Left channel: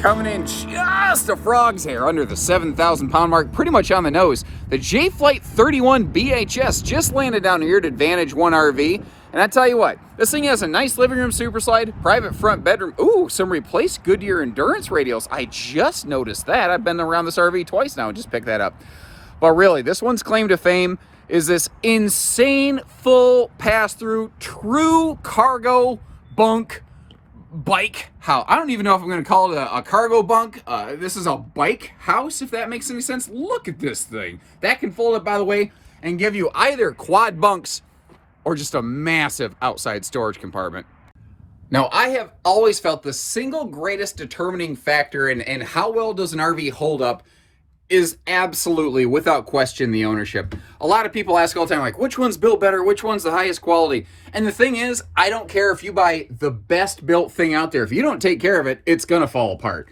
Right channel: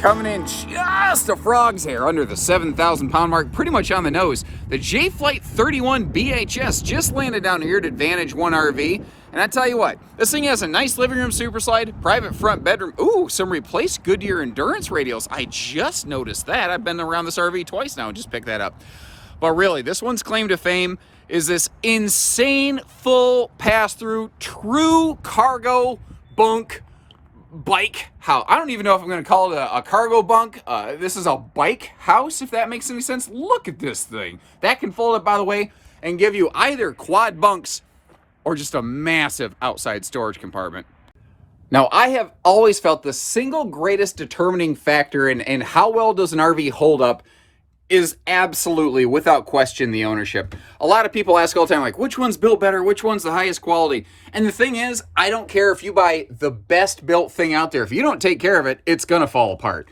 coming in just a frog's hair under the 7,000 pound mark, pretty much on the nose. The Jay Flight 31 BHS just landed down here at Advantage 1 RV. And I tell you what, this thing has a nice living room super slide, private front bedroom. Ooh, some replaced Goodyear Endurance radials. I just noticed that. I've been around this RV twice now and just picked that up. But really, this one's claim to fame is this insane full pass-through, true cargo bunk bike house. I don't even know if I'm going to call it a cargo bunk. This is a bike house, if that makes any sense. Look at this thing. That can fold up, by the way, and give you either quad bunks or just a massive outside storage compartment. Now, I have always felt the single greatest determining factor in how well does an RV hold up is absolutely, without question, the ownership. A lot of people ask all the time, like, which one's built better? Which one's the highest quality? And the thing is, I don't care if you buy the best built thing out there. If you don't take care of it, it's gonna fall apart.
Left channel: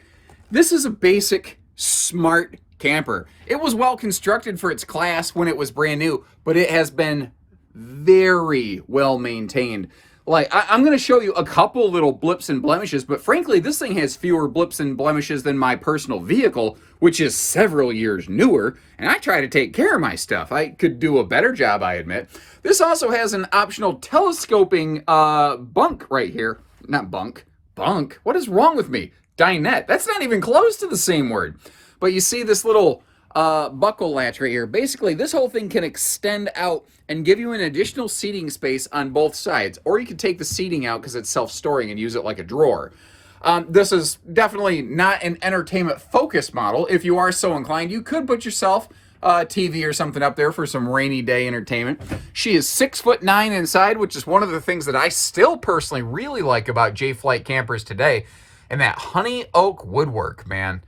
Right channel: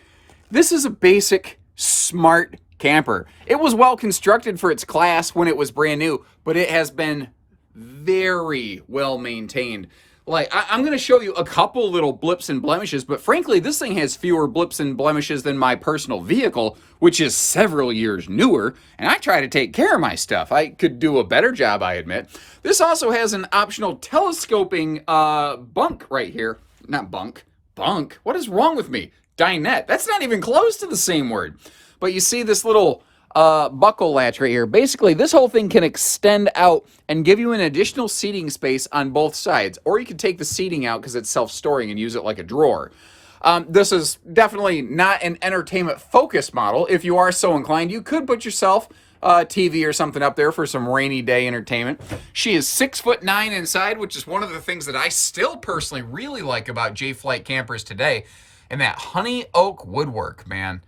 This is a basic, smart camper. It was well constructed for its class when it was brand new, but it has been very well maintained. Like, I'm going to show you a couple little blips and blemishes, but frankly, this thing has fewer blips and blemishes than my personal vehicle, which is several years newer, and I try to take care of my stuff. I could do a better job, I admit. This also has an optional telescoping bunk right here. Not bunk, bunk. What is wrong with me? Dinette. That's not even close to the same word. But you see this little buckle latch right here. Basically, this whole thing can extend out and give you an additional seating space on both sides, or you can take the seating out because it's self-storing and use it like a drawer. This is definitely not an entertainment focused model. If you are so inclined, you could put yourself a TV or something up there for some rainy day entertainment. She is 6'9" inside, which is one of the things that I still personally really like about Jay Flight campers today, and that honey oak woodwork, man.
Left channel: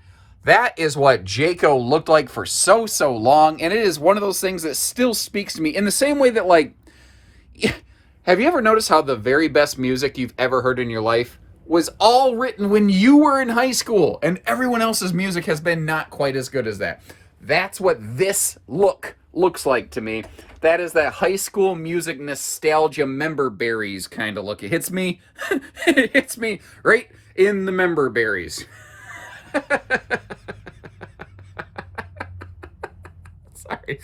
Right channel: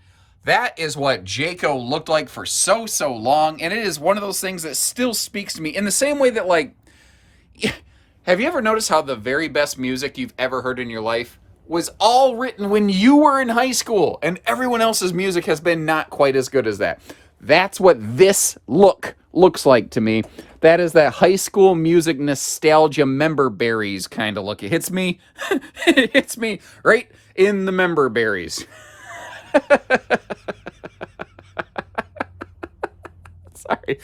That is what Jayco looked like for so long, and it is one of those things that still speaks to me in the same way that, like, have you ever noticed how the very best music you've ever heard in your life was all written when you were in high school, and everyone else's music has been not quite as good as that? That's what this looks like to me. That is that high school music nostalgia member berries kind of look. It hits me, it hits me right in the member berries. Sorry.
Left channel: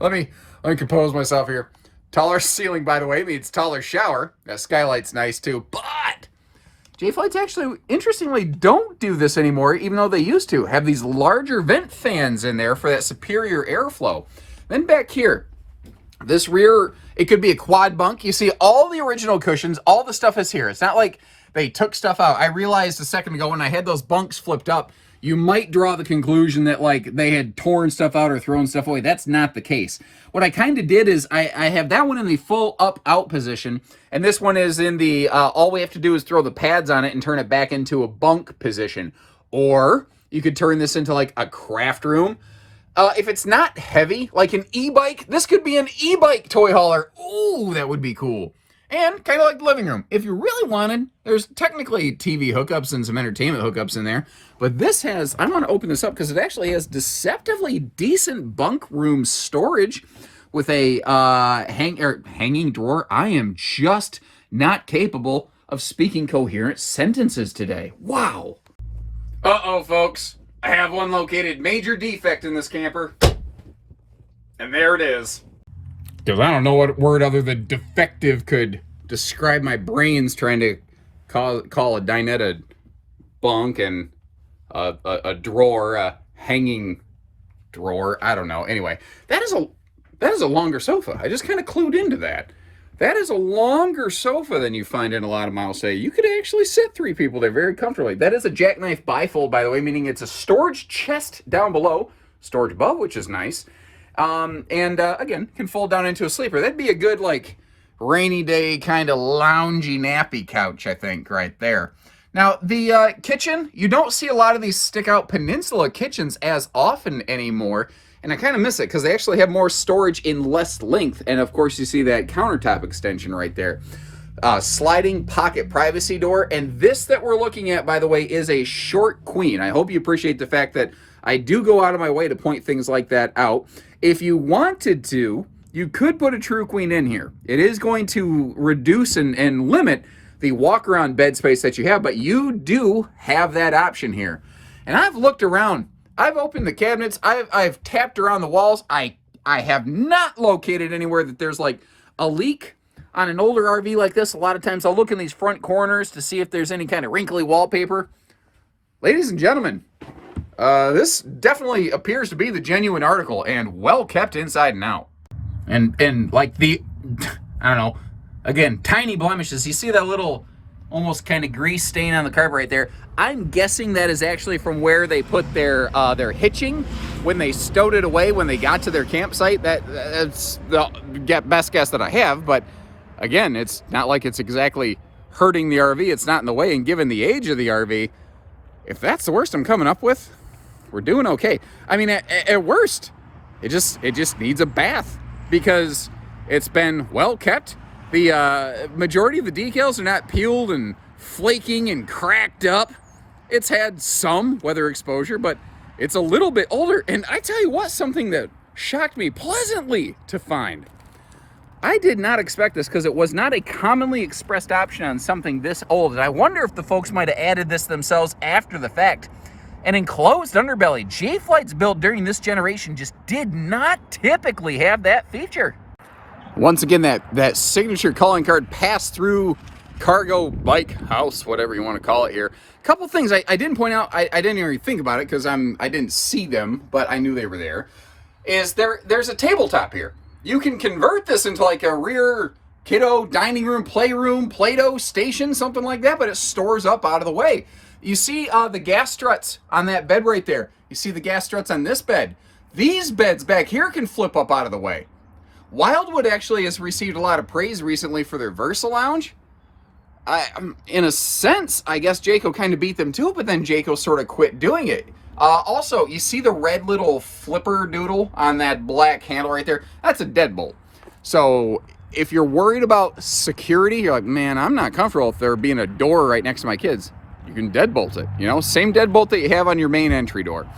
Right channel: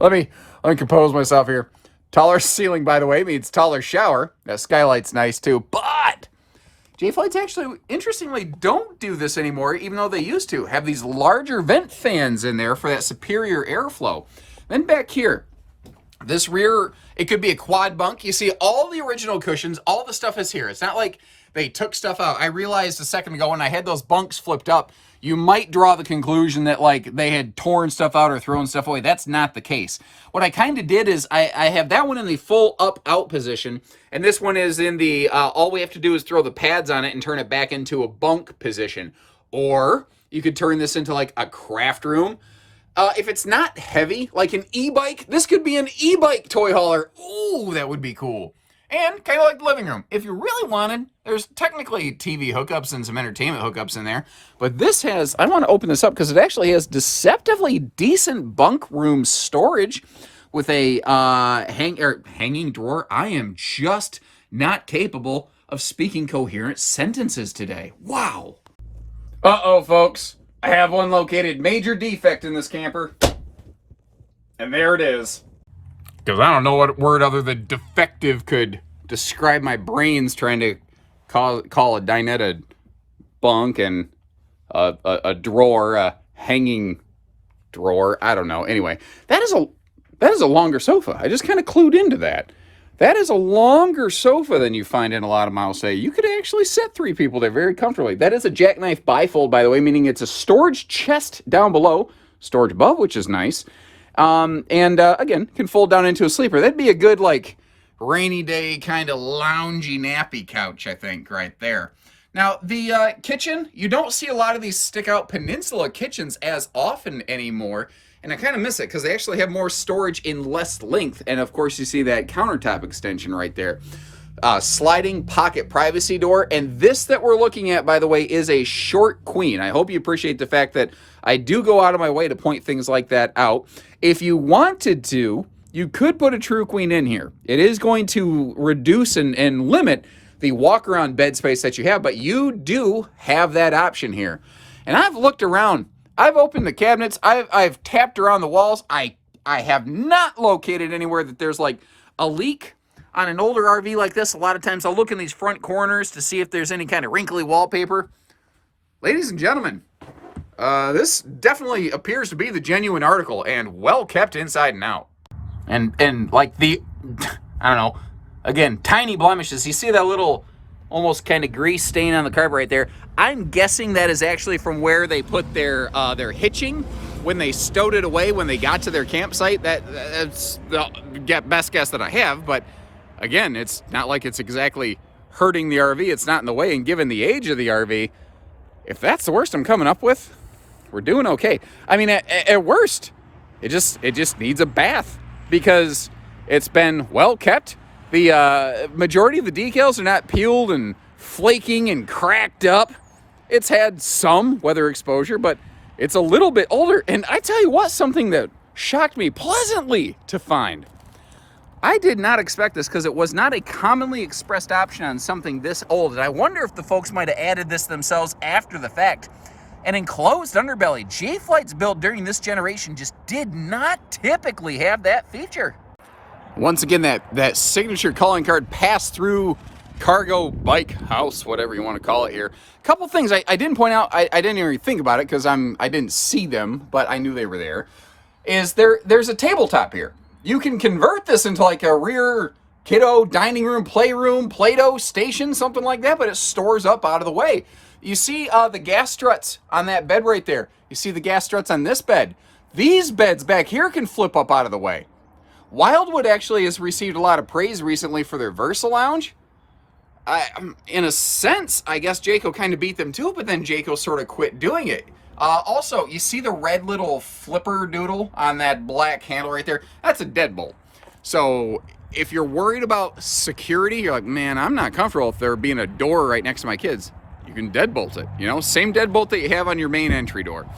Let me compose myself here. Taller ceiling, by the way, means taller shower. That skylight's nice too. But Jay Flights actually, interestingly, don't do this anymore, even though they used to. Have these larger vent fans in there for that superior airflow. Then back here, this rear, it could be a quad bunk. You see all the original cushions, all the stuff is here. It's not like they took stuff out. I realized a second ago when I had those bunks flipped up, you might draw the conclusion that, like, they had torn stuff out or thrown stuff away. That's not the case. What I kind of did is I have that one in the full up-out position, and this one is in the, all we have to do is throw the pads on it and turn it back into a bunk position. Or you could turn this into, like, a craft room. If it's not heavy, like an e-bike, this could be an e-bike toy hauler. Ooh, that would be cool. And kind of like the living room. If you really wanted, there's technically TV hookups and some entertainment hookups in there. But this has, I want to open this up because it actually has deceptively decent bunk room storage with a hanging drawer. I am just not capable of speaking coherent sentences today. Wow. Uh-oh, folks. I have one located major defect in this camper. And there it is. Because I don't know what word other than defective could describe my brains trying to call a dinette a bunk and a drawer, a hanging drawer. I don't know. Anyway, that is a longer sofa. I just kind of clued into that. That is a longer sofa than you find in a lot of models. Say you could actually sit 3 people there very comfortably. That is a jackknife bifold, by the way, meaning it's a storage chest down below, storage above, which is nice. Again, can fold down into a sleeper. That'd be a good, like, rainy day kind of loungy nappy couch, I think, right there. Now, the kitchen, you don't see a lot of these stick-out peninsula kitchens as often anymore, and I kind of miss it because they actually have more storage in less length, and of course you see that countertop extension right there. Sliding pocket privacy door, and this that we're looking at, by the way, is a short queen. I hope you appreciate the fact that I do go out of my way to point things like that out. If you wanted to, you could put a true queen in here. It is going to reduce and limit the walk-around bed space that you have, but you do have that option here. And I've looked around. I've opened the cabinets. I've tapped around the walls. I have not located anywhere that there's like a leak. On an older RV like this, a lot of times I'll look in these front corners to see if there's any kind of wrinkly wallpaper. Ladies and gentlemen, this definitely appears to be the genuine article and well kept inside and out. And like the, I don't know, again, tiny blemishes. You see that little almost kind of grease stain on the carpet right there? I'm guessing that is actually from where they put their hitching when they stowed it away when they got to their campsite. That's the best guess that I have, but again, it's not like it's exactly hurting the RV. It's not in the way, and given the age of the RV, if that's the worst I'm coming up with, we're doing okay. I mean, at worst, it just needs a bath because it's been well kept. The majority of the decals are not peeled and flaking and cracked up. It's had some weather exposure, but it's a little bit older. And I tell you what, something that shocked me pleasantly to find. I did not expect this because it was not a commonly expressed option on something this old. And I wonder if the folks might have added this themselves after the fact. An enclosed underbelly. Jay Flights built during this generation just did not typically have that feature. Once again, that signature calling card pass-through cargo bike house, whatever you want to call it here. A couple things I didn't point out. I didn't even think about it because I didn't see them, but I knew they were there. There's a tabletop here. You can convert this into like a rear kiddo dining room, playroom, Play-Doh station, something like that, but it stores up out of the way. You see the gas struts on that bed right there. You see the gas struts on this bed. These beds back here can flip up out of the way. Wildwood actually has received a lot of praise recently for their Versa Lounge. In a sense, I guess Jayco kind of beat them to it, but then Jayco sort of quit doing it. Also, you see the red little flipper doodle on that black handle right there? That's a deadbolt. So if you're worried about security, you're like, man, I'm not comfortable if there being a door right next to my kids. You can deadbolt it, you know, same deadbolt that you have on your main entry door.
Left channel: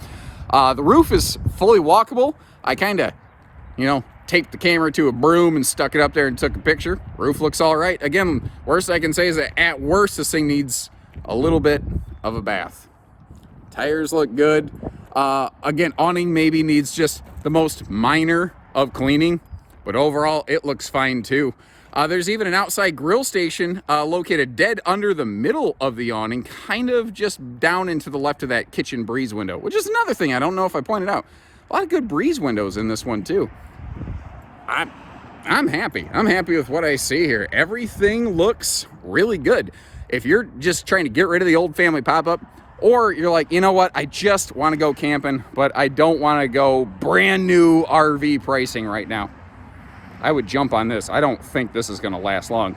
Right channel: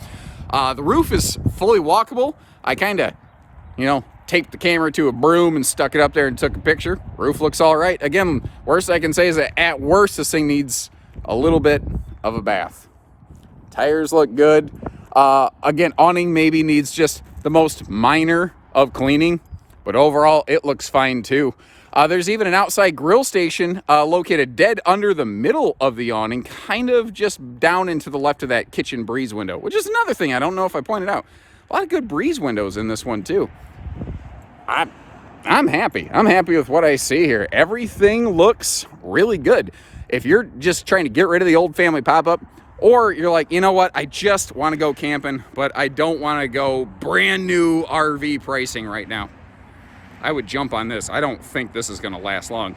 The roof is fully walkable. I kind of, you know, taped the camera to a broom and stuck it up there and took a picture. Roof looks all right. Again, worst I can say is that at worst, this thing needs a little bit of a bath. Tires look good. Again, awning maybe needs just the most minor of cleaning, but overall it looks fine too. There's even an outside grill station located dead under the middle of the awning, kind of just down into the left of that kitchen breeze window, which is another thing I don't know if I pointed out. A lot of good breeze windows in this one too. I'm happy. I'm happy with what I see here. Everything looks really good. If you're just trying to get rid of the old family pop-up, or you're like, you know what, I just want to go camping, but I don't want to go brand new RV pricing right now, I would jump on this. I don't think this is going to last long.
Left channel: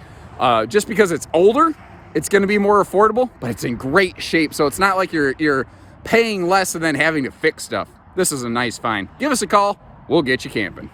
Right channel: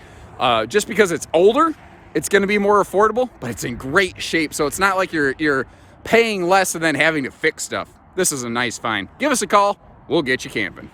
Just because it's older, it's going to be more affordable, but it's in great shape. So it's not like you're paying less and then having to fix stuff. This is a nice find. Give us a call. We'll get you camping.